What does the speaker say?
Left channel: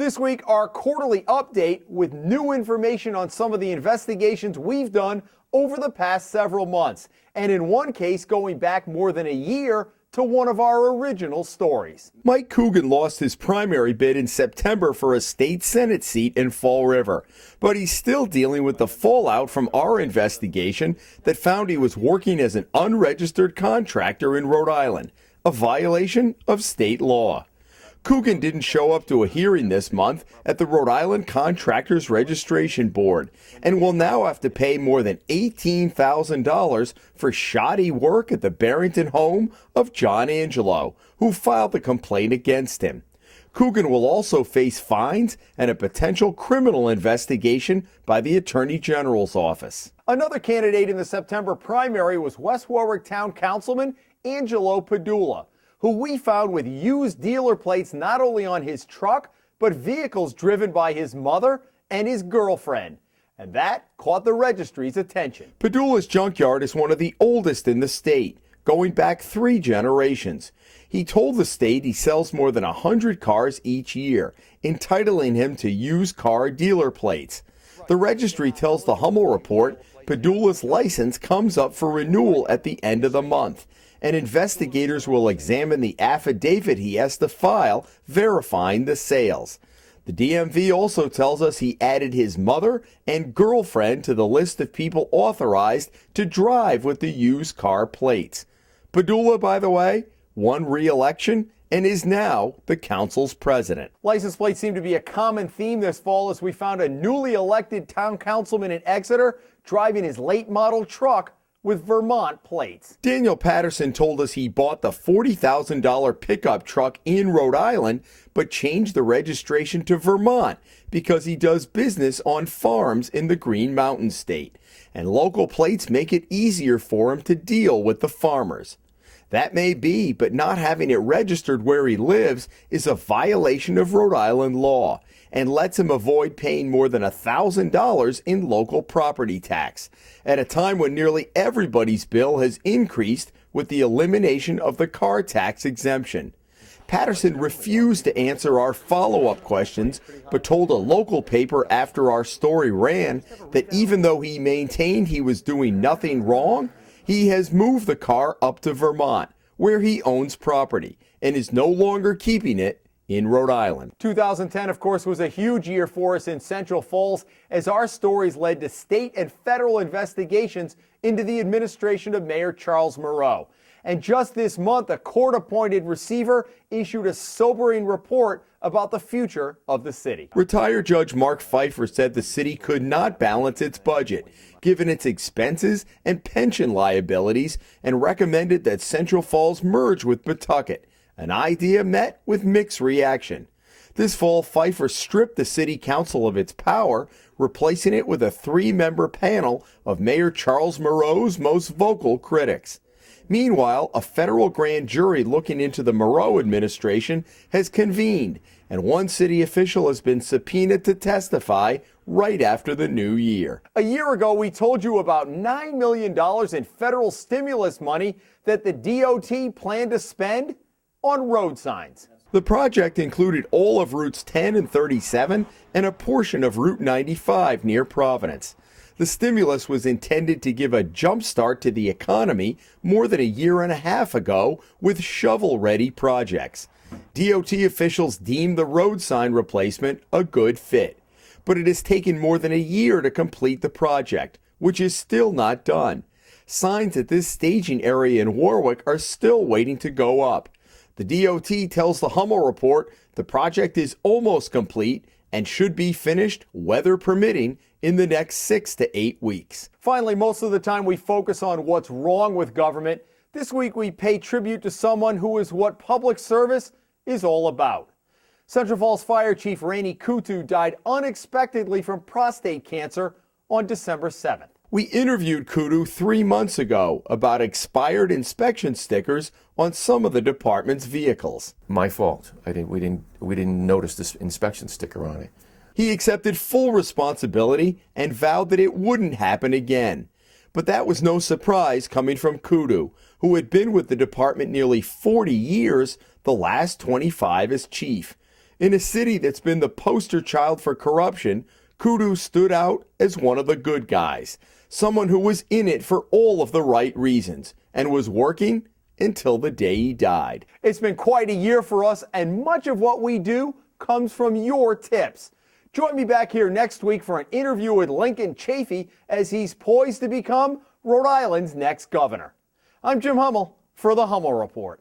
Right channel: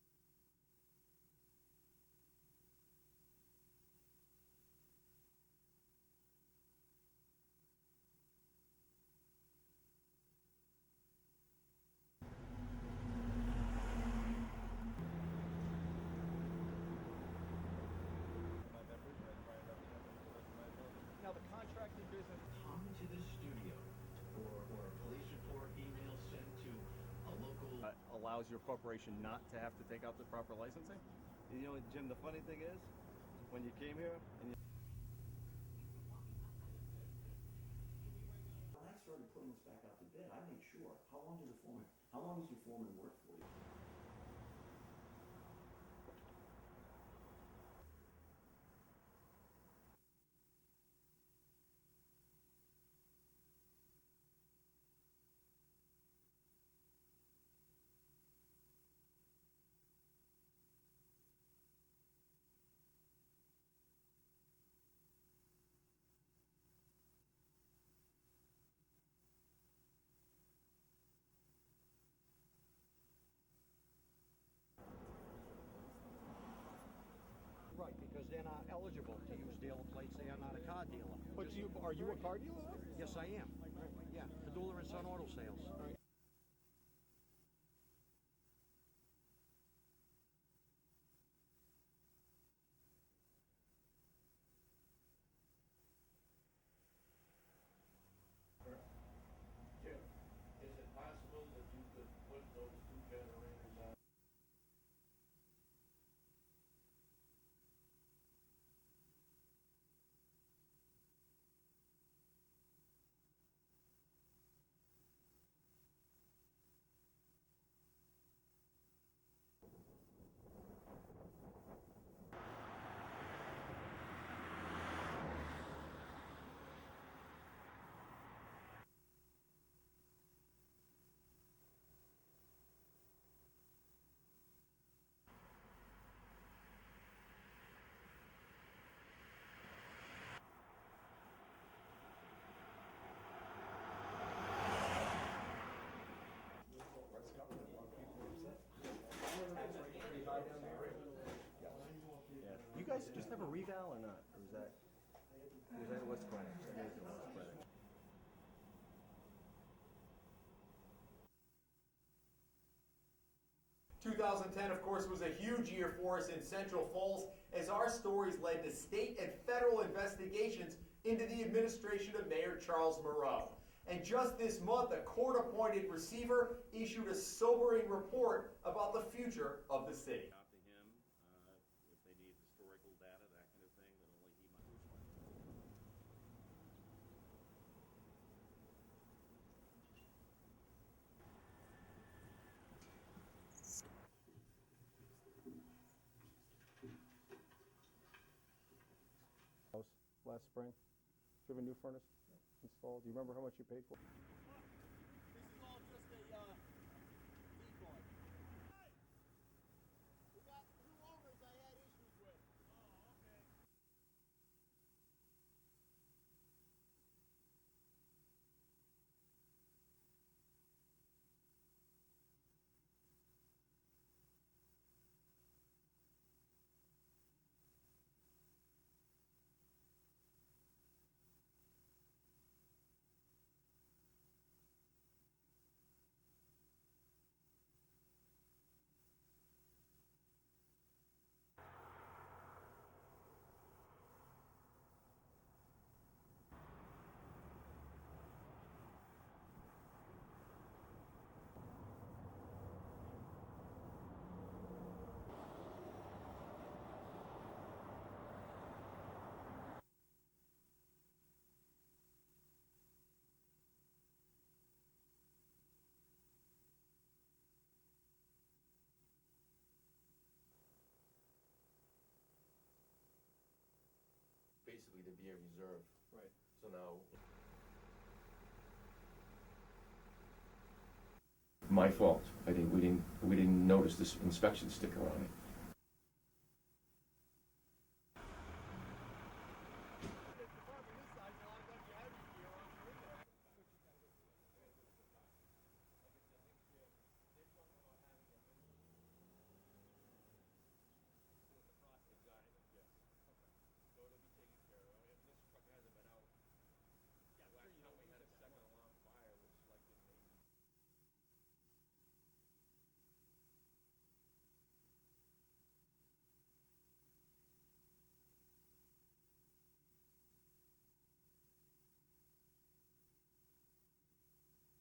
This week, our quarterly update with new information on some of the investigations we've done over the past several months, and in one case going back more than a year to one of our original stories. Mike Coogan lost his primary bid in September for a state Senate seat in Fall River, but he's still dealing with the fallout from our investigation that found he was working as an unregistered contractor in Rhode Island, a violation of state law. Coogan didn't show up to a hearing this month at the Rhode Island Contractors Registration Board and will now have to pay more than $18,000 for shoddy work at the Barrington home of John Angelo, who filed the complaint against him. Coogan will also face fines and a potential criminal investigation by the Attorney General's office. Another candidate in the September primary was West Warwick Town Councilman Angelo Padula, who we found with used dealer plates not only on his truck, but vehicles driven by his mother and his girlfriend. And that caught the registry's attention. Padula's junkyard is one of the oldest in the state, going back 3 generations. He told the state he sells more than 100 cars each year, entitling him to used car dealer plates. The registry tells the Hummel Report Padula's license comes up for renewal at the end of the month, and investigators will examine the affidavit he has to file verifying the sales. The DMV also tells us he added his mother and girlfriend to the list of people authorized to drive with the used car plates. Padula, by the way, won re-election and is now the council's president. License plates seem to be a common theme this fall as we found a newly elected town councilman in Exeter driving his late model truck with Vermont plates. Daniel Patterson told us he bought the $40,000 pickup truck in Rhode Island, but changed the registration to Vermont because he does business on farms in the Green Mountain State, and local plates make it easier for him to deal with the farmers. That may be, but not having it registered where he lives is a violation of Rhode Island law and lets him avoid paying more than $1,000 in local property tax, at a time when nearly everybody's bill has increased with the elimination of the car tax exemption. Patterson refused to answer our follow-up questions, but told a local paper after our story ran that even though he maintained he was doing nothing wrong, he has moved the car up to Vermont, where he owns property, and is no longer keeping it in Rhode Island. 2010, of course, was a huge year for us in Central Falls as our stories led to state and federal investigations into the administration of Mayor Charles Moreau. And just this month, a court-appointed receiver issued a sobering report about the future of the city. Retired Judge Mark Pfeiffer said the city could not balance its budget, given its expenses and pension liabilities, and recommended that Central Falls merge with Pawtucket, an idea met with mixed reaction. This fall, Pfeiffer stripped the city council of its power, replacing it with a 3-member panel of Mayor Charles Moreau's most vocal critics. Meanwhile, a federal grand jury looking into the Moreau administration has convened, and one city official has been subpoenaed to testify right after the new year. A year ago, we told you about $9 million in federal stimulus money that the DOT planned to spend on road signs. The project included all of Routes 10 and 37 and a portion of Route 95 near Providence. The stimulus was intended to give a jump start to the economy more than a year and a half ago with shovel-ready projects. DOT officials deemed the road sign replacement a good fit, but it has taken more than a year to complete the project, which is still not done. Signs at this staging area in Warwick are still waiting to go up. The DOT tells the Hummel Report the project is almost complete and should be finished, weather permitting, in the next 6 to 8 weeks. Finally, most of the time we focus on what's wrong with government. This week we pay tribute to someone who is what public service is all about. Central Falls Fire Chief Rainey Kutu died unexpectedly from prostate cancer on December 7th. We interviewed Kutu 3 months ago about expired inspection stickers on some of the department's vehicles. My fault. We didn't notice this inspection sticker on it. He accepted full responsibility and vowed that it wouldn't happen again. But that was no surprise coming from Kutu, who had been with the department nearly 40 years, the last 25 as chief. In a city that's been the poster child for corruption, Kudu stood out as one of the good guys, someone who was in it for all of the right reasons and was working until the day he died. It's been quite a year for us, and much of what we do comes from your tips. Join me back here next week for an interview with Lincoln Chafee as he's poised to become Rhode Island's next governor. I'm Jim Hummel for the Hummel Report.